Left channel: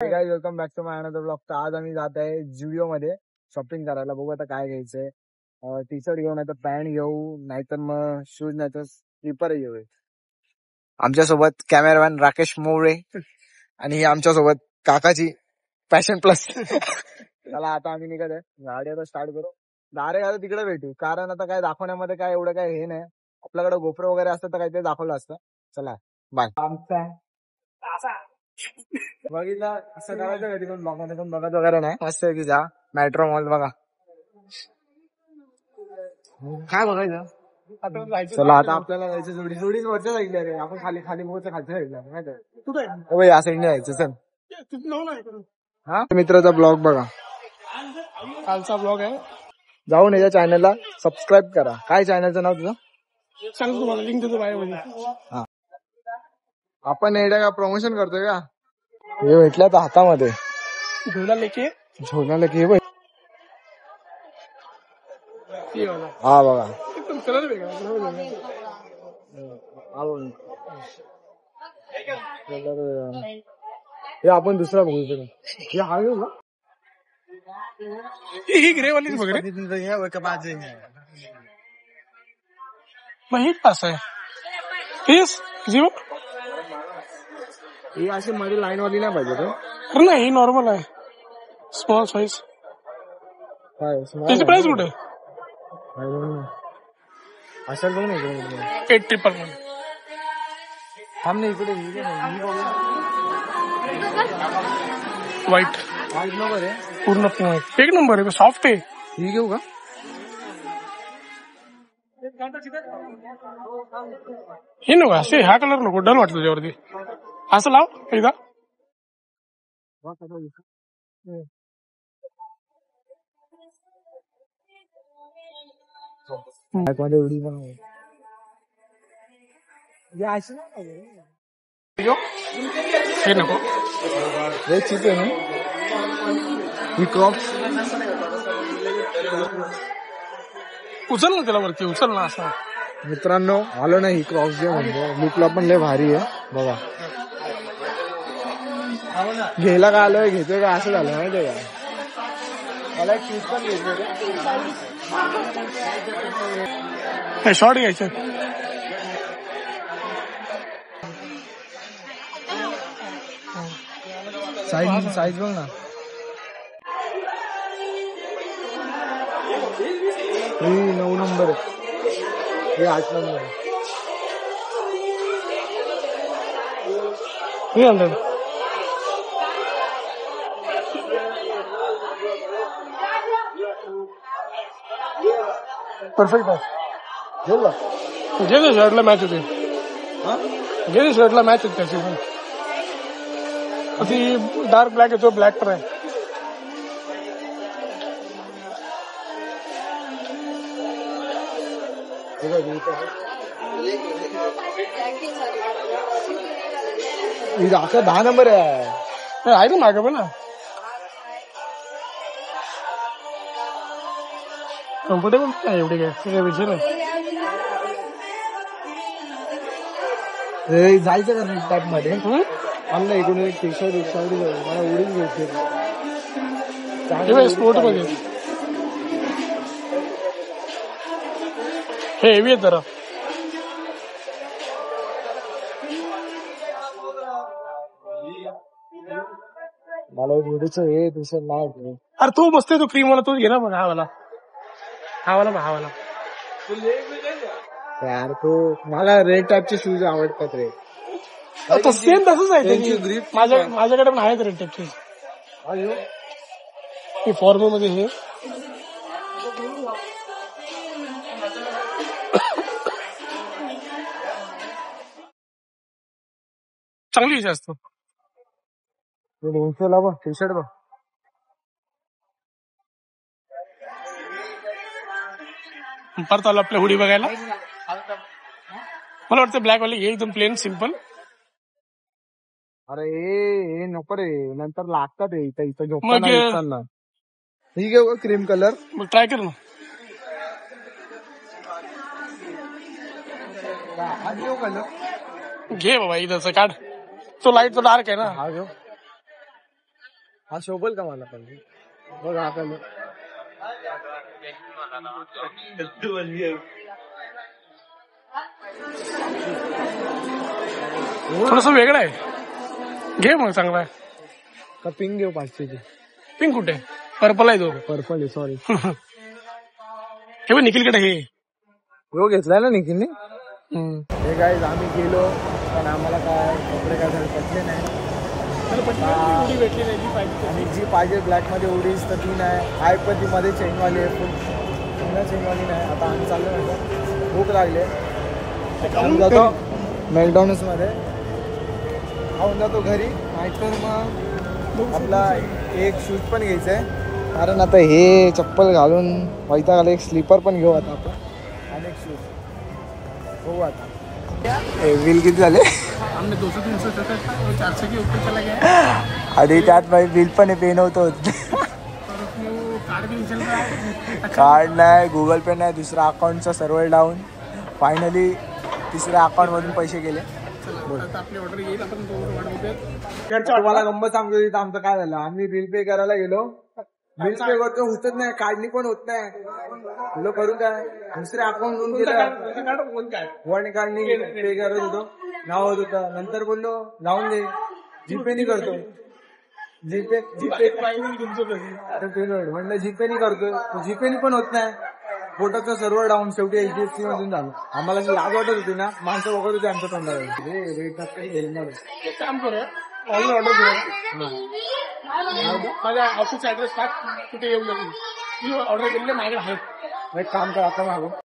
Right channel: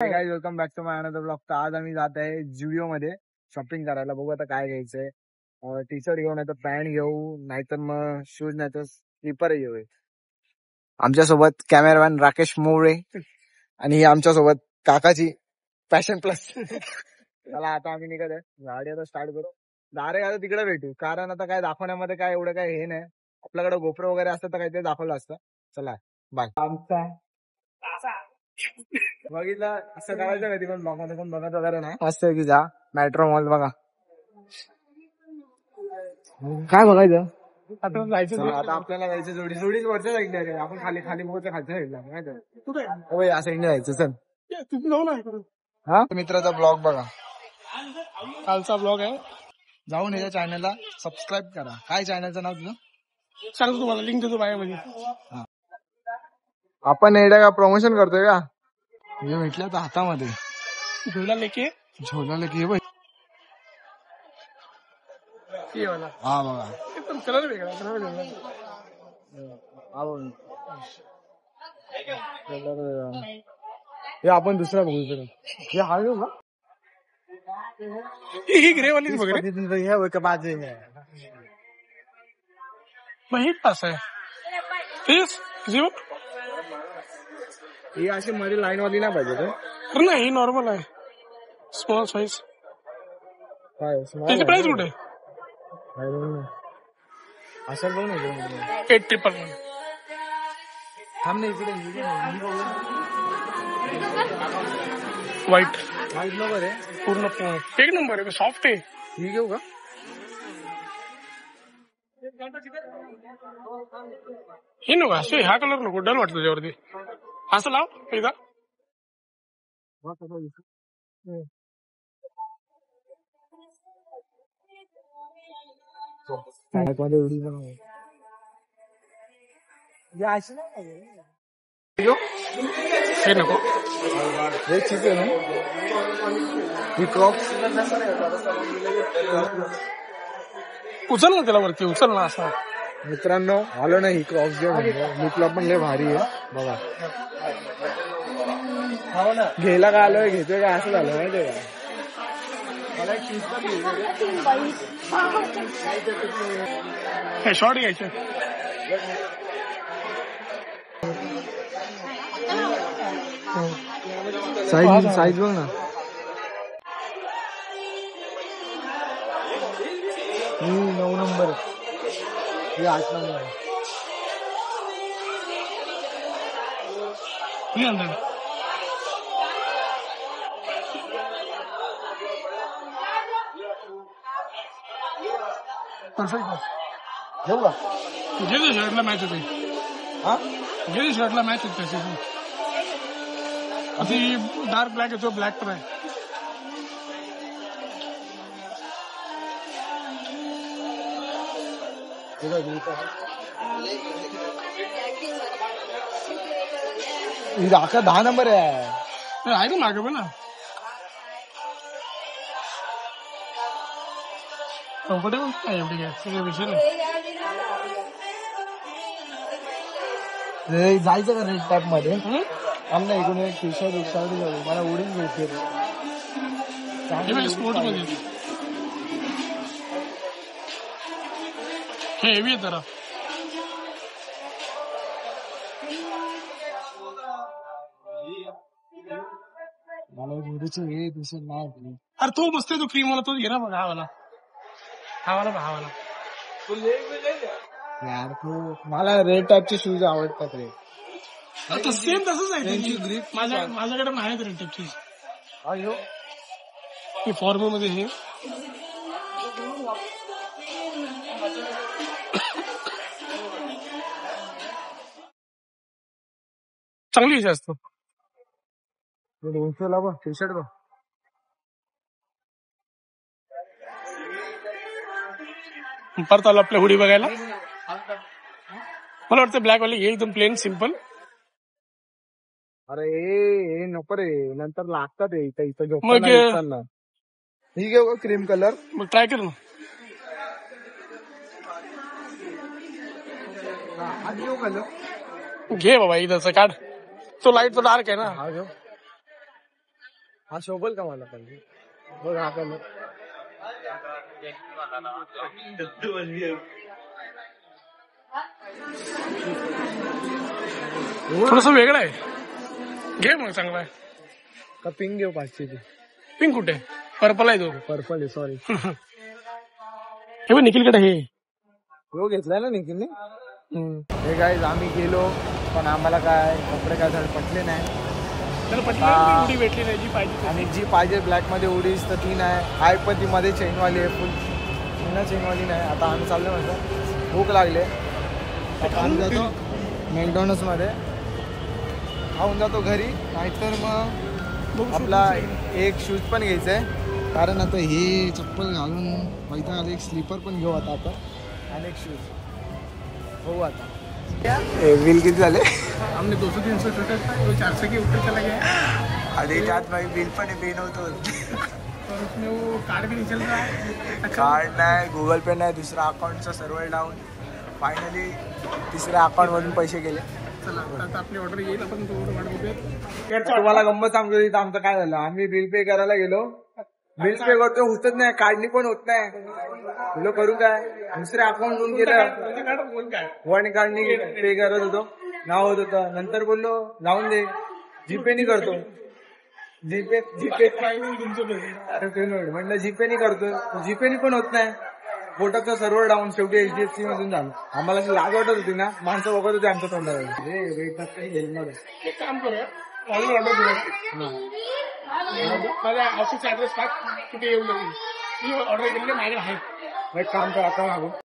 Guys welcome back to my another blog. तर आज आम्ही जात आहे जुडिओ मध्ये शॉपिंग करायला. बघू आता काय घ्यायचंय. टी शर्ट घेऊ, नाहीतर पॅन्ट घेऊ, नाहीतर मग शूज, नाहीतर स्लीपर घेऊ. आमच्यासोबत कॅमेरामॅन राकेश मोरे आणि आमच्यासोबत काकाची पॅशन प्लस. चला आता आम्ही निघत आहे. गाडी आता स्टार्ट करू. डायरेक्ट आता तिकडे भेटू, कारण आता काय दाखवण्यामध्ये काय एवढं काय हे नाही. आपल्याकडे गोप्रो वगैरे असतं तर काही ते दाखवलं असतं. चला बाय. आमचा बघितलं असं करायचं कधी पण ब्लॉग मध्ये पण बघत वगैरे नाही. मस्त की जा मेट्रो मॉल बघा काय बघायचं. चला आता आपल्याला जायचं जोडी जोडीच वरच्या साईडला रे. आपण खाली खाली बघतो खालच्या साईडला माहिती या साईडला जायचं. चल हा मित्राचा ब्लॉग बघा, कालचा ब्लॉग आहे. जाऊन याच्या चॅनलला सबस्क्राईब करा. काय चॅनलचं नाव तुझं सांग, तुम्हाला लिंक देतो बायोमध्ये. आपण एवढ्या का प्रमोशन करतोय का. हे भेटलं तर हातामध्ये झोला लेके हा बघा हे आपण दुसरा बघू हे हळू ना ही ग्रेवाली वगैरे बाजू मग हे पास आहे 30 ही अशी मध्ये लाईन वाली नाही पाहिजे. अरे नाही ही नॉर्मल आहे, स्मॉल साईज. त्याची प्राइस कुठे असेल बघ ना 80%. थांबणे इकडे व्हाईट नंबर आहे पूर्ण एक नंबर आहे, सॉफ्ट आहे. ही घेऊ का. हे नको असे हा कलर नको, डल वाटतो त्यावरती. असं लाव एकदा. हे नको हे चीप आहे ना. उचल ना त्याला वरती, उचल ना असा. मित्रांनो आलो ना ही क्रॉस जे म्हणजे लुकला पण लय भारी आहे बघा. घ्यायला काय आलोय घेतोय का असं झालं माहितीये का. मला शूज पण घ्यायचं, शॉर्ट घ्यायचं. साईज बघ ना. हे 9 नंबर आहे, हे 8 नंबर आहे. परफेक्ट आहे. घेऊ का घे शर्टला मॅच होते. हा घे शर्टला मॅच होते त्याची पण. ती डार्क ब्लॅक येतो, ब्लॅक पण आहे. असं 10 नंबर आहे ना मागे पण ना. कुठे एवढे काय विषय नाही. जायचं का नेक्स्ट टाइप मध्ये आमला इकडून एक टी शर्ट मला उडीच घ्यायचे स्पोर्ट मध्ये. हे हेवी आहे जरा. मला उडीच हे टी शर्ट नाही. अरे तू मस्त आहे, तू क्रीम वाला तूच घे ना. मग हा वाला यार तो मला रेड टाईपचे शूज आवडतात रे. सेम तसंच आहे ग्रीप. माझ्याकडे पण आहेत रेड टाईपचे. फॉर्मल मध्ये हे चांगली विषय असतो. 200ला बघ टी शर्ट बघ. परत आलो आपल्या हुडी बघायला. मला वाटतं ब्लॅक वाली हे एकदम प्लेन सिम्पल. अरे हे नको रे, नंतर लागतात इथं झोपताना. ही घेऊ क्रीम कलर. मग ट्राय कर ना. घे बाबा इथं काढ. तो लाईट तो डार्क आहे ना. हा घेऊ. हा शोभल का मला पण बघ हा पण थोडस वेगळं आहे. घे मग चांगला आहे. का पिंक घेऊ 500 ची. पिंक कुठे? पर्पल आहे तो. पर्पल आहे सॉरी. हे बघ निखिलकडे हे हो घेतलाय ना निखिलने. हे गाईज आम्ही गेलो पण आम्हाला काय कपडे काय झाले पटले नाही. उडी भेटली नाही जी पाहिजे. आणि जी पाहिजे ब्लॅक मध्ये उडीच तर ती नाही आहे पण ती मध्ये चेनवाली आहे फुल पुन्हा चेनवाली नाही. आता आम्ही चाललो म्हणजे भूक लागले खाऊन जातो मॅकडॉनल्ड्स मध्ये खाऊन जातो घरी. नाहीतर मग आपला एक शूज पण घ्यायचा आहे कारण आता हे चप्पल घालून वैताग आला. एक स्लीपर पण घेऊ आता आपण आणि एक शूज हो आता. बिल किती झाले? हमने 200-300 और 400 के ऊपर चला गया. आणि त्यात भाई बिल पण पे नव्हतं और उसमें वो कार्ड भी नहीं चल रहा है. कार्ड नाही गुगल पे नाही दुसरा अकाउंटचा सर्व्हर डाऊन. फायनली तिसऱ्या अकाउंट मधून पैसे गेले. चला आता आपली ऑर्डर येईल आपण तो वाट बघूयात. तुम्हाला गंमत सांगतो इथं आमचं काय झालं. आम्ही बिल पे करायला गेलो बिल पे करतो होतच नाही कार्डनी पण होत नाही. तुला करू काय दुसऱ्या अकाउंट मधून गेलं वन कार्डनी पे करत होतो नाव होत होतं. नंतर बोललो जाऊन दे जीपे नी करतो. जीपे म्हणलं जीपे नी करतो जीपे नी पण होत नाही. बोटाचं सर्व्हर डाऊन. शेवटी HDFC मधून झालं. आम्हाला अशी लाज वाटत होती ना माणसं बघत होती आमच्या तोंडावर. काम करूया ऑर्डर घेऊया. माझ्या ऑफिस ऍड्रेस टाक कुठे येऊ लागेल. ऑर्डर केलेले माझ्याकडे आहे. काम कर आता मागून